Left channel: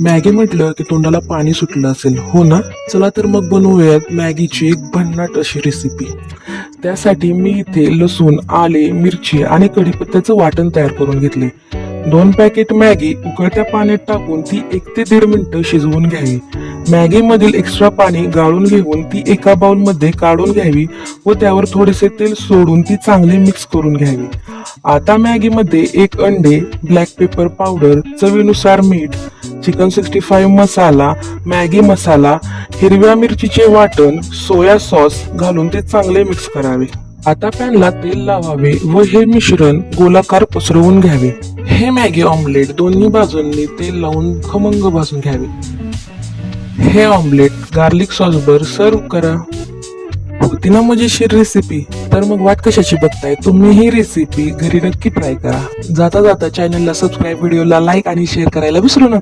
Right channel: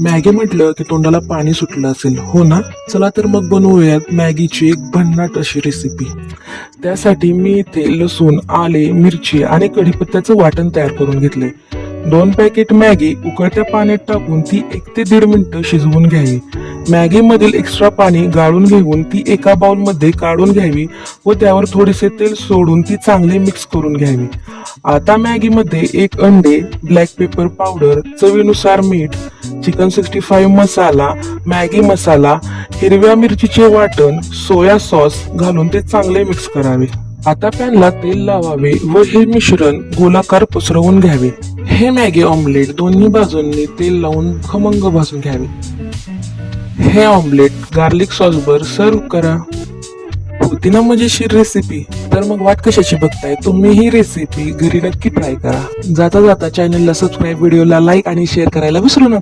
Maggi म्हटलं की तोंडाला पाणी सुटलं असेल, हो ना? चला तर मग बनवूयात मॅगीची एक भन्नाट अशी रेसिपी. त्यासाठी मी इथे लसूण, आले, मिरची आणि कढीपत्त्याचं वाटण तयार करून घेतलंय. 2 पॅकेट मॅगी उकळत्या पाण्यात टाकून ती 1 ते 1.5 मिनिटं शिजवून घ्यावी. मॅगी मधील एक्स्ट्रा पाणी गाळून घेऊन ती एका बाउल मध्ये काढून घ्यावी व त्यावर थोडेसे तेल सोडून ती चांगली मिक्स करून घ्यावी. आता मॅगी मध्ये 1 अंडे, ब्लॅक पेपर पावडर, चवीनुसार मीठ, चिकन 65 मसाला, मॅगी मसाला, हिरव्या मिरचीचे वाटण, सोया सॉस घालून ते चांगले मिक्स करावे. आता पॅनला तेल लावावे व हे मिश्रण गोलाकार पसरवून घ्यावे. हे मॅगी ऑमलेट दोन्ही बाजूंनी तेल लावून खमंग भाजून घ्यावे. हे ऑमलेट गार्लिक सॉस बर सर्व करा. होती ना मजेशीर रेसिपी? तर मग वाट कशाची बघताय, तुम्ही ही रेसिपी घरी नक्की ट्राय करा. जाता जाता चॅनलला सबस्क्राईब, व्हिडिओला लाईक आणि शेअर करायला विसरू नका.